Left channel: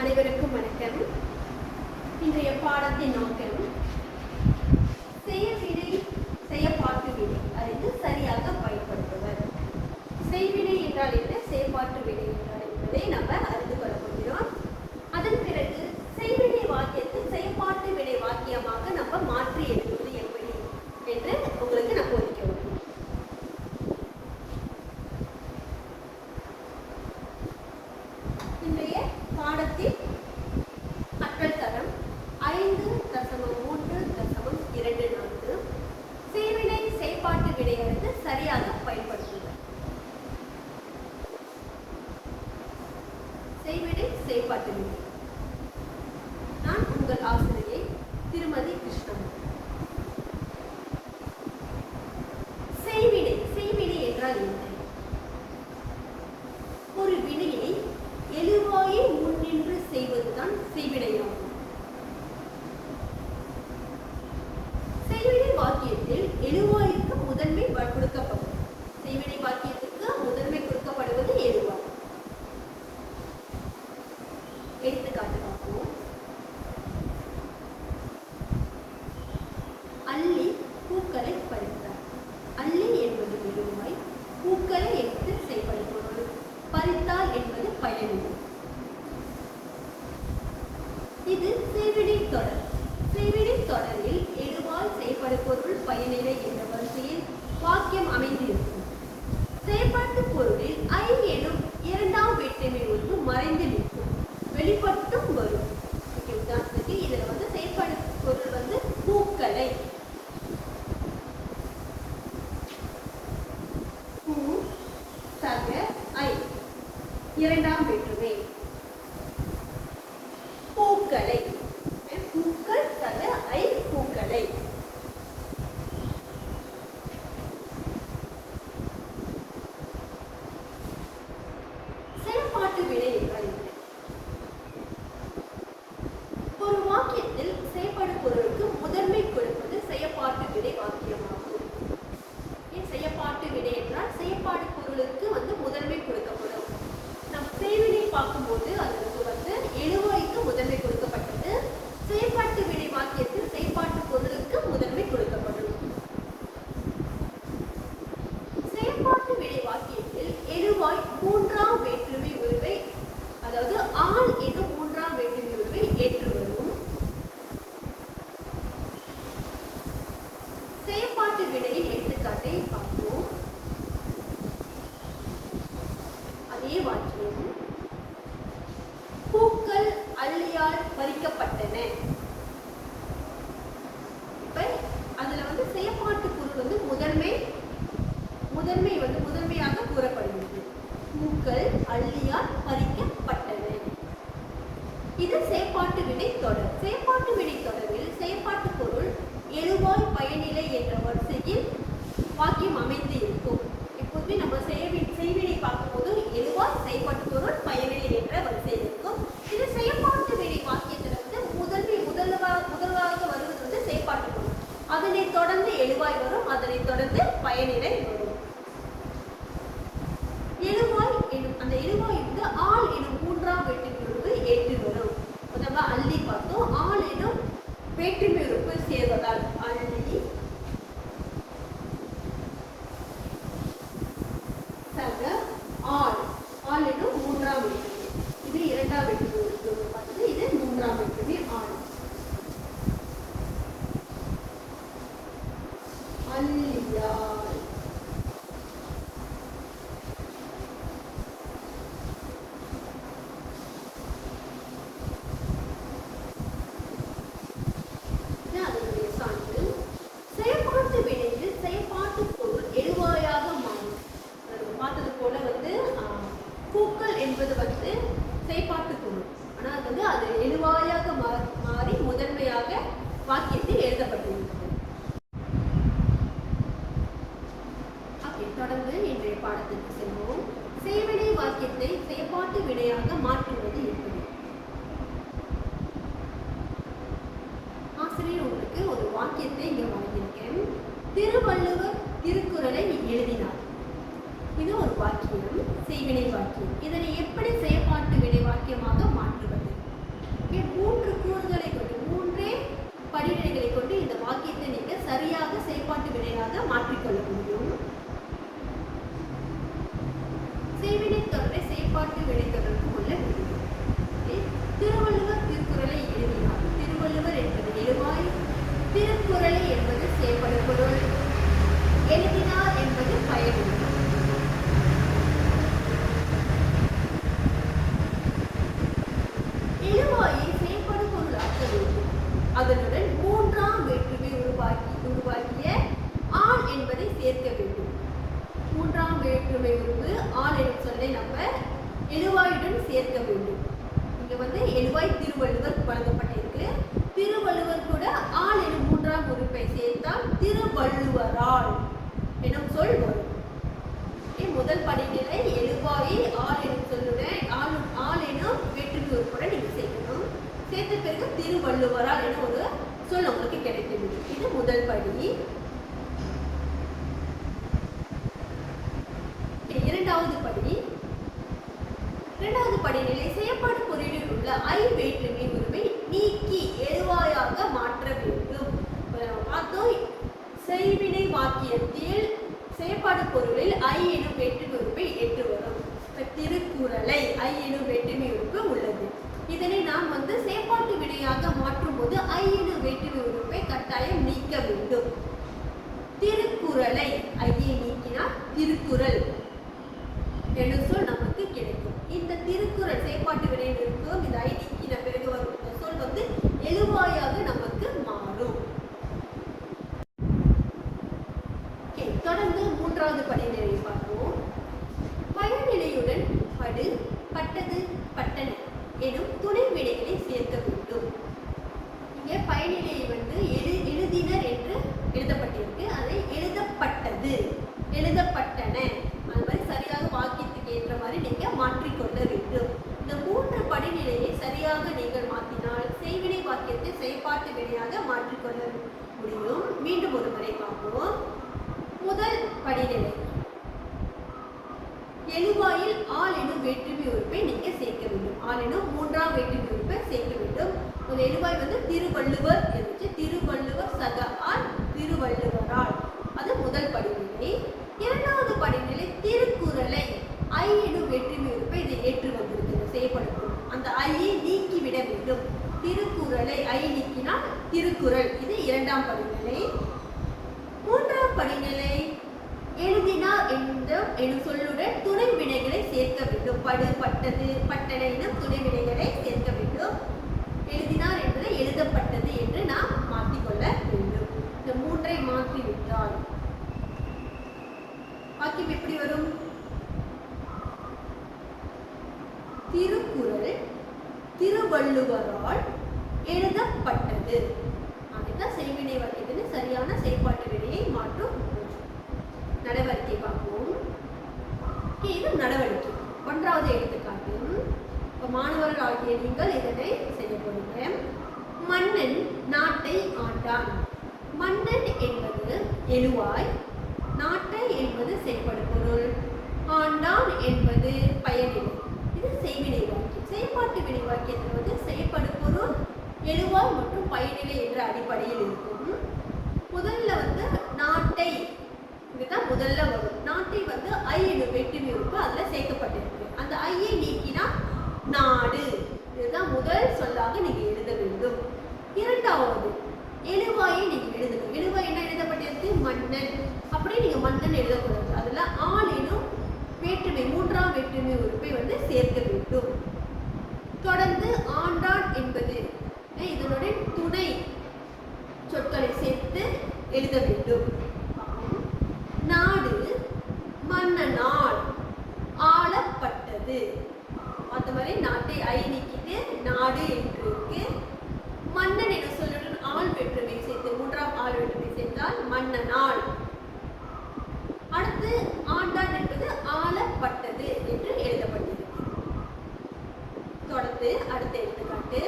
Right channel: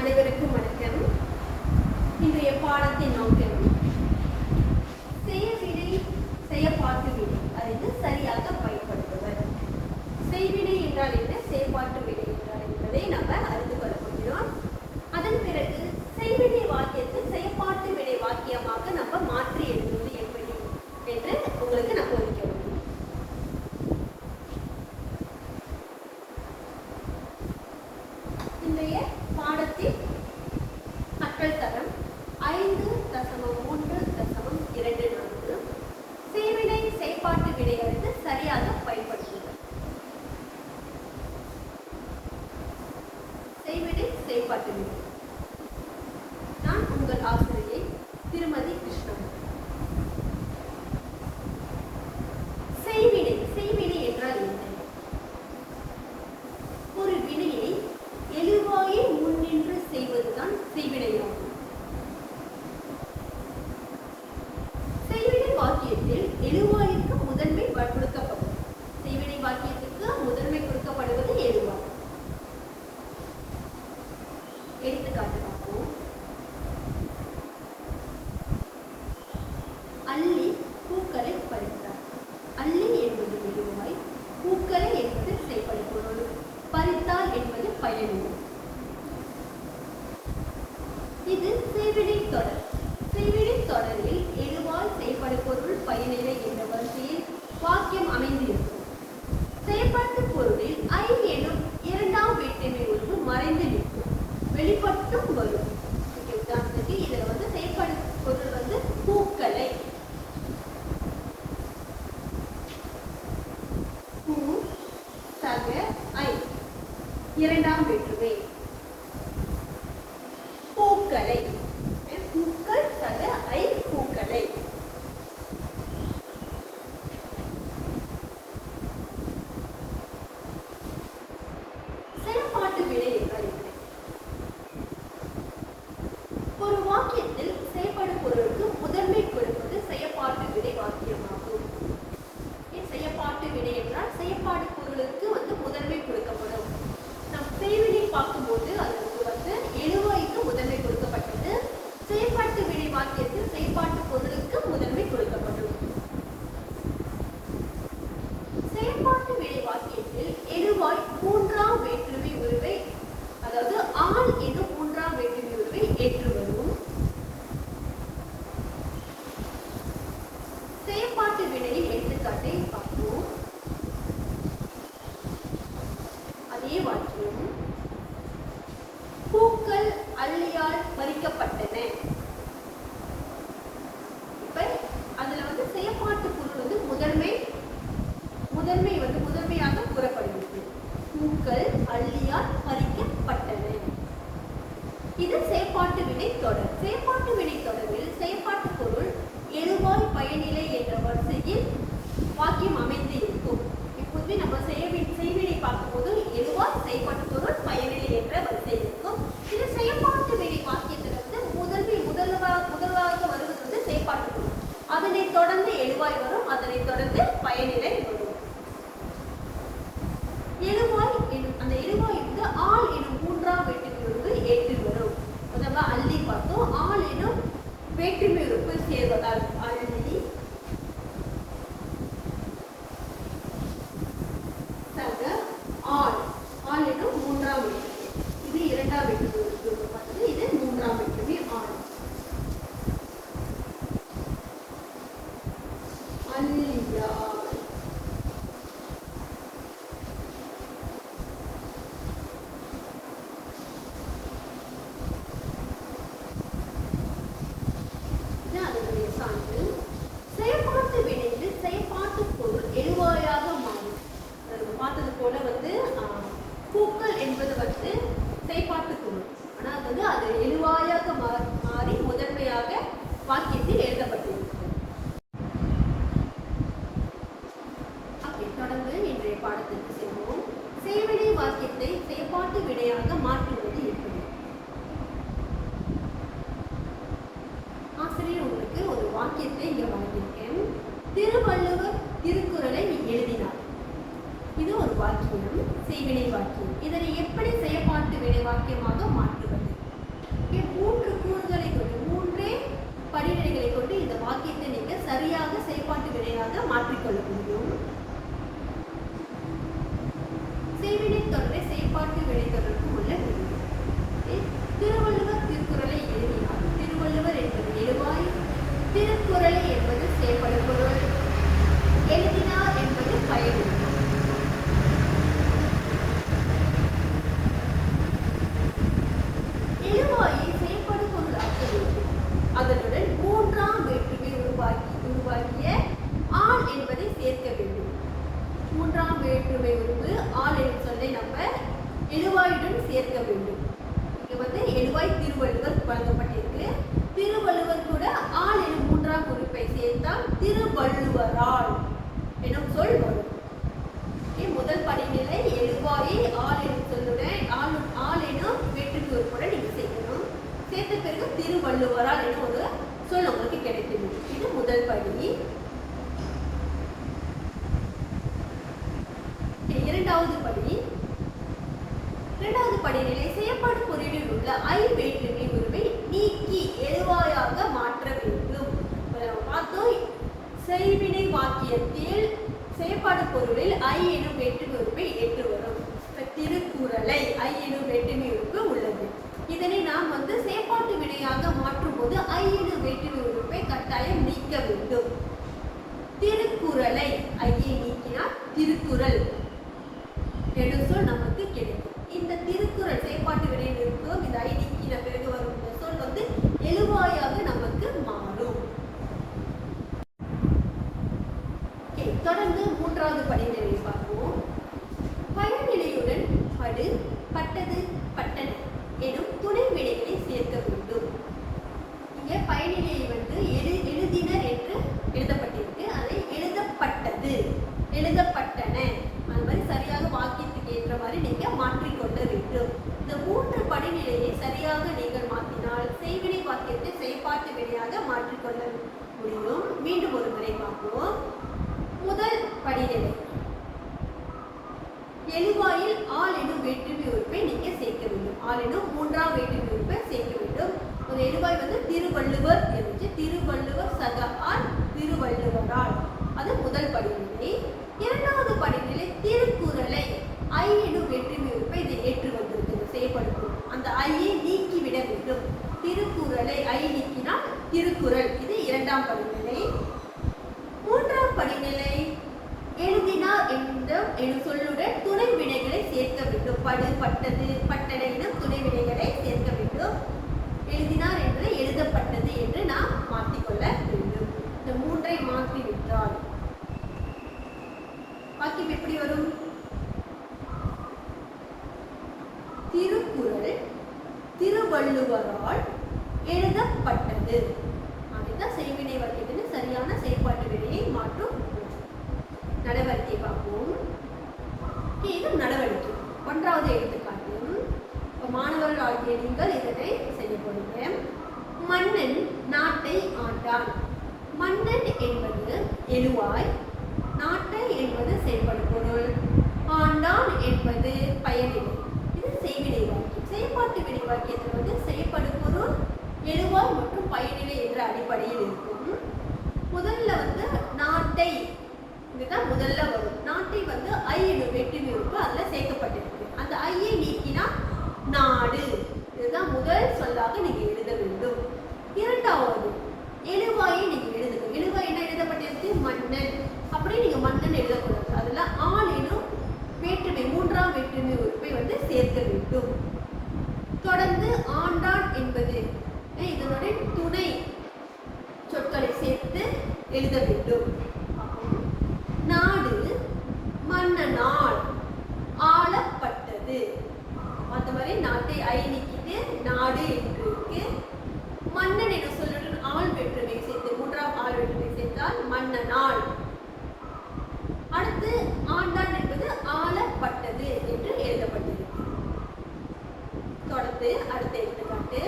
அனைவருக்கும் வணக்கம். இன்றைய பாடத்தின் நோக்கம் செய்யவினை செயற்பாட்டு வினை அறிந்து சரியாக பயன்படுத்துவது. செய்வினை என்றால் என்ன, செயற்பாட்டு வினை என்றால் என்பதை நம்ம அறிந்து கொள்ள போகிறோம். அதன் பிறகு செய்வினை வாக்கியத்தை செயற்பாட்டு வினை வாக்கியமாக நம்ம மாற்றி எழுதுவது எப்படி என்று உங்களுக்கு நான் போதிக்க வேண்டும். இன்றைய பாடத்தில் கற்றல் தரம் 5.3.24 செய்வினை செயற்பாட்டு வினையறிந்து சரியாக பயன்படுத்துவது. செய்வினை செயற்பாட்டு வினை. நான் உங்கள் ஆசிரியை திருமதி கிருஷ்ணன். செய்வினை என்றால் என்ன? ஒரு வினையை எழுவாயை முன்னின்று செய்வதுதான் செய்வினையாகும். செய்வினை வாக்கியத்தில் எழுவாய்க்கு முதன்மை கொடுக்கப்படும். செய்வினை வாக்கியத்துக்கு முதன்மை கொடுக்கப்படுவது எழுவாய். எடுத்துக்காட்டு பார்ப்போம். அள்ளி பூக்களை பறித்தார். அள்ளி என்பது எழுவாய், பூக்களை எடுத்து செயல்படுத்துவது. பறித்தார் என்பது பயனிலை. இது செய்வினை தொடர். செய்வினை தொடரில் எழுவாய் செயல்படும் பொருள் பயனிலை என்ற வரிசையில் வாக்கியம் அமைந்திருக்கும். செயற்பாட்டு பொருளில் ஐ எனும் இரண்டாம் வேற்றுமை ஒன்று மறைந்து நிற்கும், வெளிப்பட்டும் வரும். இதுல செயற்பாடு பொருள் பூக்களை, பூ சக ஐ இரண்டாம் வேற்றுமை, பூக்களை, பூக்கள் சக ஐ பூக்களை. செயற்பாட்டு வினை என்றால் ஒரு வாக்கியத்தில் செயற்படும் பொருளுக்கு முதன்மை கொடுப்பது செயற்பாட்டு வினை வாக்கியமாகும். செயற்பாட்டு வினை என்றால் செயற்பாடு பொருளுக்கு முதன்மை கொடுக்கப்படும். நம் செய்வினை பார்க்கும்போது அது எழுவாய்க்கு முதன்மை கொடுக்கப்பட்டது. செயற்பாட்டு வினை வாக்கியத்தில் செயற்பாட்டு பொருளுக்கு முதன்மை கொடுக்கப்படும். செயற்பாட்டு வினை வாக்கியத்தில் எழுவாய் மூன்றாம் வேற்றுமை உருவை, அதாவது ஆள் எனும் மூன்றாம் வேற்றுமை உருவை ஏற்று வரும். செயற்பாட்டு வினையின் எடுத்துக்காட்டை பார்ப்போம். அதே வாக்கியம், பூக்கள் அள்ளியால் பறிக்கப்பட்டன. இப்ப அதுல செயற்பாட்டு பொருள் முதன்மையாக கூறப்படுகிறது. பூக்கள் அள்ளியால் பறிக்கப்பட்டன. இது செயற்பாட்டு வினை தொடர். செயற்பாட்டு வினை தொடரில் செயற்பாட்டு பொருள் எழுவாய் பயனிலை என்ற வரிசையில் வாக்கியம் அமைந்து இருக்கும். எப்போதுமே நம்ம செய்வினை பார்க்கும்போது எழுவாய் செயற்பாட்டு பொருள் பயனிலை என்ற வரிசையில் இருக்கும். இது செயற்பாட்டு வினை வாக்கியத்திலிருந்து முதலாக வருவது செயற்பாட்டு பொருள். அதனை தொடர்ந்து எழுவாய் வரும், அதனை தொடர்ந்து பயனிலை வரும். எழுவாய் எனும் அந்த எழுவாய் ஆள் எனும் மூன்றாம் வேற்றுமை உருவு ஏற்று வரும். முதல்ல அள்ளி பார்த்தோம். ஆள் எனும் வேற்றுமை உறுப்பு சேர்வதால் அள்ளி சக ஆள். ஆள் எனும் மூன்றாம் வேற்றுமை. இது இரண்டாம் வேற்றுமை உறுப்பு பார்த்தது. இது மூன்றாம் வேற்றுமை ஆள். அள்ளியால் செயற்பாட்டு வினையில் செயற்பாட்டு பொருள் எழுவாயாக மாறும். பார்த்தது போல பூக்கள் என்பது செயற்பாட்டு பொருள். ஆனால் அது எழுவாயாக மாறி முதன்மையாக வாக்கியத்தில் எழுதப்பட்டுள்ளது. தொடர்ந்து இன்றைய பாடத்திற்கு செல்வோம். செய்வினை வாக்கியத்தை செயற்பாட்டு வினையாக மாற்றுவது எப்படி? ஆசிரியர் உங்களுக்கு ஒரு வாக்கியத்தை இங்க வழங்கியிருக்கேன். திருவள்ளுவர் திருக்குறளை எழுதினார். இது ஒரு வாக்கியம், செய்வினை வாக்கியம். இதனை எப்படி செயற்பாட்டு வினை வாக்கியமாக மாற்றுவது? திருவள்ளுவரால் என ஒரு சொல் உங்களுக்கு கிடைக்கும். இது முதல் படி. இரண்டாவது படி. இரண்டாவது படிநிலை செயற்பாடு பொருளில் உள்ள ஐ வேற்றுமை உருவை நீக்கி எழுவாயாக மாற்ற வேண்டும். பார்த்தோம், செய்வினை வாக்கியத்தில் செயற்பாடு பொருளில் ஐ எனும் வேற்றுமை உறுப்பை ஏற்று வரும். திருக்குறளை ஐ எனும் வேற்றுமை உறுப்பு உள்ளது. இதனை நாம் செயற்பாட்டு வினையாக மாற்றும் போது ஐ எனும் வேற்றுமை உறுப்பை கட்டாயம் நீக்க வேண்டும். திருக்குறளை ஐயை நீக்கினால் திருக்குறள் என்ற சொல் நமக்கு கிடைக்கும். இந்த திருக்குறள் செயற்பாட்டு வினையில் இருக்கும். இந்த ஐ நீக்கின பிறகு வரும் இந்த சொல் எழுவாயாக நமக்கு மாறும். தொடர்ந்து மூன்றாவது படிநிலையை பார்ப்போம். பயனிலையுடன் படு, பட்டது, பட்டன எனும் துணை வினைகளை சேர்க்க வேண்டும். இங்கே பயனிலையை எழுதினர் என்று எழுதப்பட்டிருக்கு. அதை எழுதப்பட்டது, எழுதப்பட்டன, அது மாதிரி சரியாக வாக்கியத்துக்கு ஏற்ற மாதிரி நீங்க மாற்றிக்கொள்ள வேண்டும். இந்த மூன்று படிநிலையை சரியாக நீங்கள் மாற்றினால் செய்வினை வாக்கியத்தை செயற்பாட்டு வினையாக மாற்றிக்கொள்ள முடியும். மீண்டும் ஒரு முறை பார்ப்போம். முதல் படிநிலை, எழுவாயில் ஆள் எனும் வேற்றுமை உறுப்பை நீங்க சேர்க்க வேண்டும். ஆள் எனும் மூன்றாம் வேற்றுமை உறுப்பை சேர்க்க வேண்டும். ஒரு எழுவாய் திருவள்ளுவர் இருந்துச்சு. திருவள்ளுவர் சக ஆள் திருவள்ளுவரால், அது முதல் படிநிலை. இரண்டாவது படிநிலை திருக்குறளை ஐ எனும் வேற்றுமை உறுப்பை இதை ஏற்று வந்திருக்கிறது செய்யப்படும். அந்த ஐயை நீக்கிவிட வேண்டும். திருக்குறளை ஐ நீக்கினால் திருக்குறள், இது இரண்டாம் படிநிலை. மூன்றாம் படிநிலை எழுதினார் எனும் சொல்லுடன் துணை வினைகளை சேர்க்க வேண்டும். படு, பட்டது, பட்டன எனும் துணை வினைகளை சேர்க்க வேண்டும். எழுதினார் என்பது எழுதப்பட்டது என்று நாம் மாற்றிக்கொள்ள வேண்டும். இந்த மூன்றை மாற்றிவிட்டால் வாக்கியம் எப்படி வரும்? திருக்குறள் திருவள்ளுவரால் எழுதப்பட்டது. அதுதான் செய்வினை வாக்கியத்தின் சரியான செயற்பாட்டு வினையை மாற்றும் நடவடிக்கை பார்ப்போம். இது நடவடிக்கை. ஒன்றாவது எடுத்துக்காட்டு, மாணவர்கள் ஆகிய நீங்கள் இதனை செய்ய போறீங்க. மன்னன் நாட்டை ஆண்டான். மன்னன் என்பது எழுவாய், நாட்டை என்பது செயல்படு பொருள், ஆண்டான் என்பது பயனிலை. இது செய்வினை வாக்கியம். செயற்பாட்டு வினை வாக்கியத்தில் செயல்படு பொருள், எழுவாய் மற்றும் பயனிலை என்ற அடிப்படையில் இருக்கும். முதல்ல நாட்டை, இதுதான் முதல்ல வரும். நாட்டை ஐ எனும் வேற்றுமை இருக்கு, அதுல சேர்க்கப்பட்டிருக்கு. அந்த ஐயை நீக்கினா நாடு, இதுதான் முதல் சொல்லாக நீங்க எழுத வேண்டும். இரண்டாவது எழுவாயை நீங்க எழுதணும். எழுவாய் என்ன எழுதப்பட்டிருக்கு? மன்னன். அப்படியே நீங்க மன்னன் எழுதக்கூடாது. அதுல ஆள் எனும் வேற்றுமை, மூன்றாம் வேற்றுமை உறுப்பை சேர்க்க வேண்டும். தொடர்ந்து ஆண்டான் என்பது இதனுடைய துணை சொற்களை சேர்த்து எழுத வேண்டும். நாடு மன்னனால் ஆளப்பட்டது. அந்த மாதிரி நாட்டை ஐ நீக்கிட்டு நாடு என்று இருக்கு. மன்னன் என சொல்லுடன் ஆள் வேற்றுமை சேர்த்து, மூன்றாம் ஆள் வேற்றுமை சேர்த்தால் மன்னனால். அடுத்து ஆண்டான் என்பது ஆளப்பட்டது என்று எழுதப்பட்டது. தொடர்ந்து அடுத்த எடுத்துக்காட்டு,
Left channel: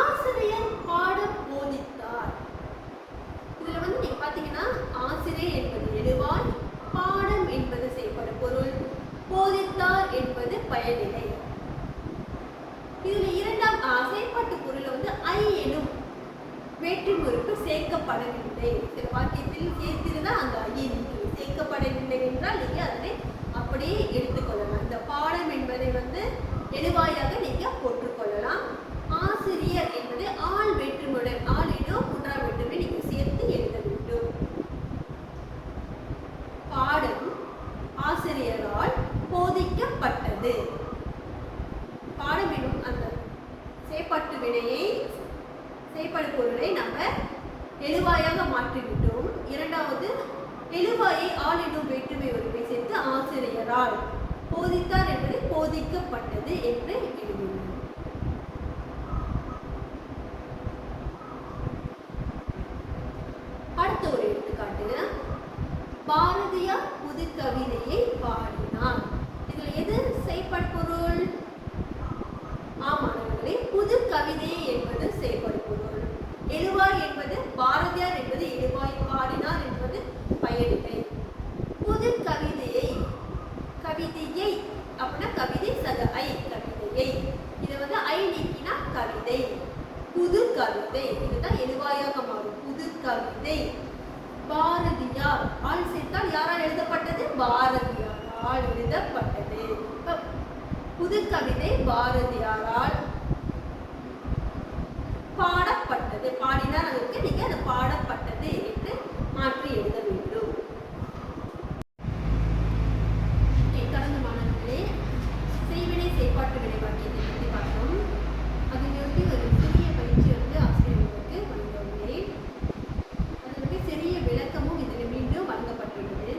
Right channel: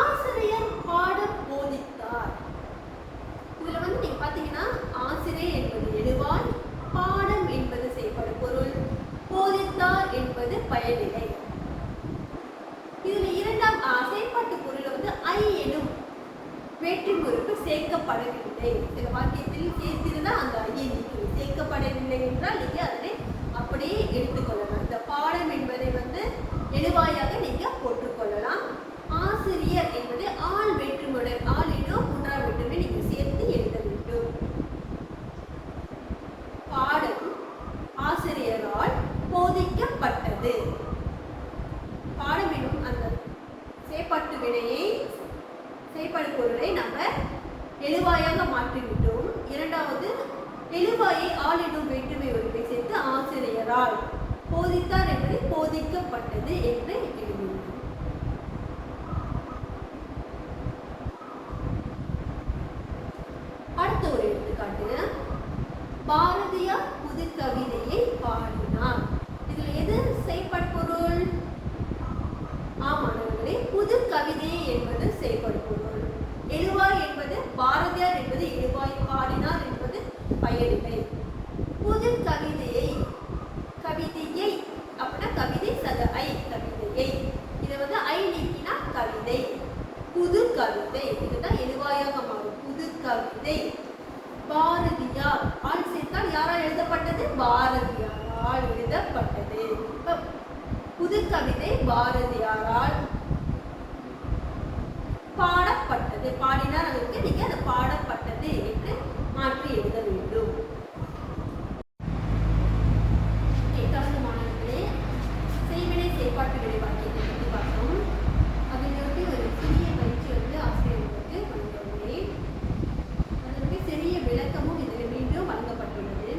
ஆசிரியர் பாடம் போதித்தார். இதுல நீங்க பாத்தீங்கன்னா ஆசிரியர் என்பது எழுவாய், பாடம் என்பது செயல்படும் பொருள், போதித்தார் என்பது பயனிலை. இதுல இரண்டாம் செயல்பாட்டு பொருள் ஐ எனும் வேற்றுமை உறுப்பு சேர்க்கப்படவில்லை. சில வாக்கியத்தில் சேர்த்திருந்தால் அந்த ஐயை நீக்கி சேர்க்கப்படவில்லை என்றால் நீங்க அதனை அப்படியே எடுத்துக்கொள்ளலாம். இந்த பாடம் என்பதை எழுவாயாக நீங்க போட்டுக்கொள்ளலாம். ஆசிரியர் என்பது ஆள் வேற்றுமையுடன், ஆள் எனும் மூன்றாம் வேற்றுமை நீங்க சேர்த்து எழுத வேண்டும். பாடம் ஆசிரியரால் போதிக்கப்பட்டது. பாடம் எனும் அந்த செயற்பாட்டு வினையை, செயற்பாடு பொருளை நம்ம எழுவாயாக மாற்றிவிட்டோம். இரண்டாவது எழுவாயை ஆள் எனும் வேற்றுமை உறுப்பை சேர்த்து ஆசிரியரால், போதித்தார் என்பது போதிக்கப்பட்டது என்று எழுதுவோம். அடுத்த ஒரு எடுத்துக்காட்டு, பாரதியார் புது கவிதையை பாடினார். இதுல எது செயற்பாடு பொருள்? ஆமாம், கவிதை என்பது செயல்படு பொருள். எழுவாய் என்பது பாரதியார் என்பது எழுவாய், பாடினார் என்பது பயனிலை. புது கவிதையை, கவிதையை அப்படின்னா கவிதை சத ஐ, கவிதையை இதை வந்து ஐ நீக்கினா கவிதை. புது கவிதை இதுதான் எழுவாயாக மாறும். புது கவிதை. பாரதியார் ஆள் சேர்த்தால் யாரால் எழுதப்பட்டது? பாரதியாரால் எழுதப்பட்டது. புது கவிதை பாரதியாரால் பாடப்பட்டது. பாடினார் அதற்கு நீங்க அது பாடப்பட்டது என்று மாற்றி எழுத வேண்டும். தொடர்ந்து மாணவர்களே, செய்வினை செயற்பாட்டு வினை வாக்கியத்தை பற்றி பார்த்தோம். அதற்கு ஒரு சிறிய பயிற்சி வந்து ஆசிரியர்களுக்கு வழங்கியுள்ளேன். அதற்கு சிறிய விளக்கமும் இதில் மீண்டும் வழங்கப்பட்டுள்ளது.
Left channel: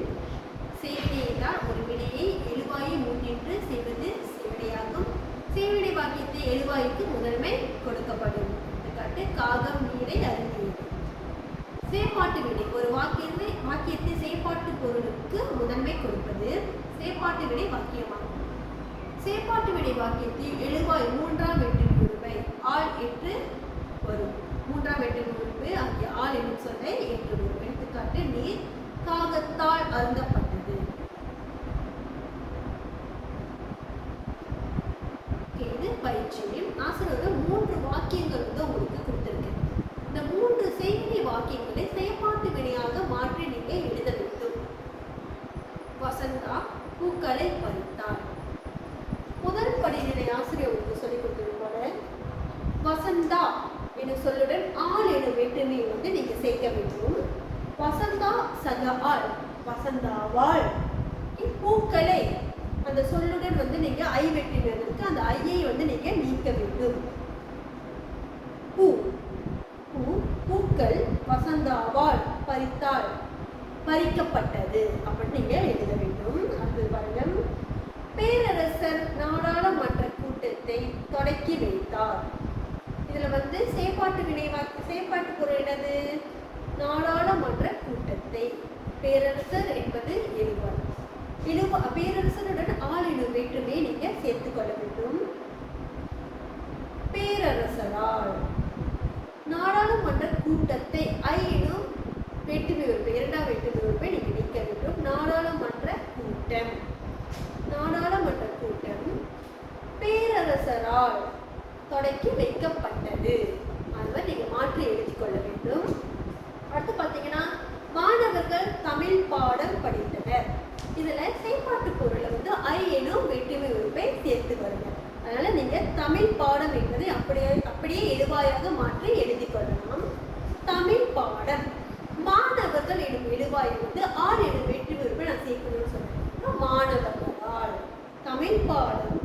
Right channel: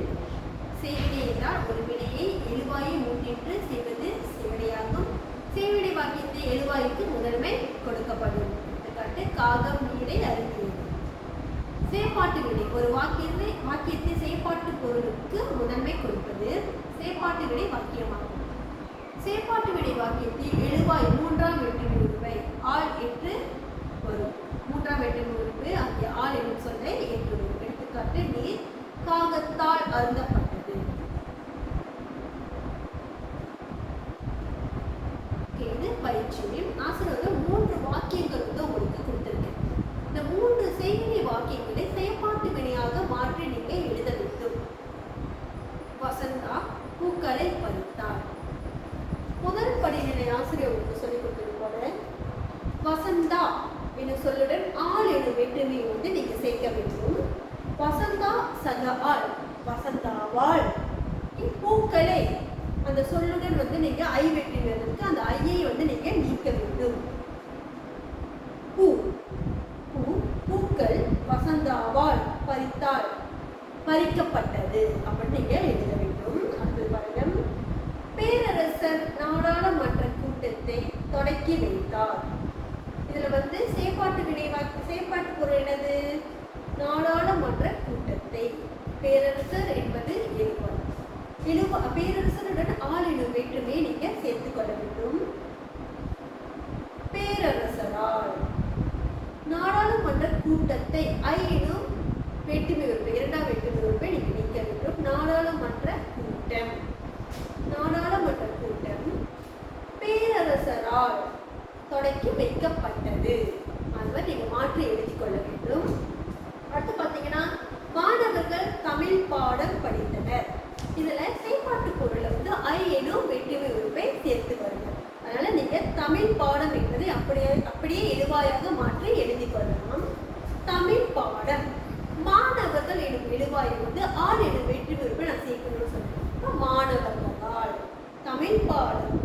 செய்வினை என்றால் ஒரு வினையை எழுவாயை முன்னின்று செய்வது செய்வினையாகும். செய்வினை வாக்கியத்தை எழுவாய்க்கு முதன்மை கொடுக்கப்படும். காகம் நீரை அறிந்தது. செயற்பாட்டு வினை ஒரு வாக்கியத்தை செயற்பாட்டு பொருளுக்கு முதன்மை கொடுப்பது செயற்பாட்டு வினை வாக்கியமாகும். செயற்பாட்டு வினை வாக்கியத்தில் எழுவாய் மூன்றாம் வேற்றுமை உறுப்பை ஆள் என்று வரும். மூன்றாம் வேற்றுமை உறுப்பு அந்த ஆள் என்னும் சொல்லை ஏற்றுள்ளது. எடுத்துக்காட்டு நீர் காகத்தால் அருந்தப்பட்டது. பயிற்சியில் ஆசிரியர் 3 வாக்கியங்கள் வந்து உங்களுக்கு கொடுத்திருக்கேன். இந்த 3 செய்வினை வாக்கியங்களை செயற்பாட்டு வினையாக மாற்றி நீங்க எழுத வேண்டும். வசந்தா பூக்களை பறித்தார். முதல் படிநிலை ஆசிரியர் உங்களுக்கு சொல்லிக் கொடுத்திருப்பது வசந்தா என்ற சொல்லுடன் ஆள் எனும் வேற்றுமையை வந்து நீங்க சேர்க்க வேண்டும். வசந்தா சக ஆள், வசந்தாவாள். பூக்களை அந்த சொல்லுடன் வந்து நீங்க ஐ வெற்றினருக்கு அந்த ஐயை வந்து நீங்க நீக்க வேண்டும். பூ பூ பூக்கள் வசந்தாவால் பறித்தாள், பறிக்கப்பட்டது அப்படின்னு நீங்க எழுத வேண்டும். அது வருடம் பேரரசர் நாடாளுமன்ற கூட்டத்தை தொடக்கி வைத்தார். இதுல வந்து செயற்பாட்டு வினை செயற்பாட்டு பொருள் என்னது? நாடாளுமன்ற கூட்டத்தை. பேரரசர் என்பது எழுவாய். பேரரசருடன் ஆள் எனும் வேற்றுமையை நீங்க சேர்த்துக் கொள்ள வேண்டும். பேரரசரால். நாடாளுமன்ற கூட்டத்தை ஐ எனும் வேற்றுமை உறுப்பு, இரண்டாம் வேற்றுமை உறுப்பை நீங்க நீக்க வேண்டும். நாடாளுமன்ற கூட்டம். நாடாளுமன்ற கூட்டம் பேரரசரால் தொடக்கி வைக்கப்பட்டது. அதுவரை நீங்க மாற்றி எழுதிக் கொள்ள வேண்டும். அடுத்து பாத்தீங்கன்னா மாணவர்கள் தமிழ் பாடம் படித்தனர். இதுல செயற்பாட்டு பொருளை வந்து ஐ எனும் வேற்றுமை உறுப்பை சேர்த்து வரணும். அதனால நீங்க தமிழ் பாடம் என்பதை அப்படியே எழுவாயாக மாற்றி எழுதி கொள்ளலாம். தமிழ் பாடம். மாணவர்கள் எனும் எழுவாயை வந்து ஆள் எனும் வேற்றுமை உறுப்பை நான் சேர்க்கணும்னு சொல்றேன். மாணவர்களால். தமிழ் பாடம்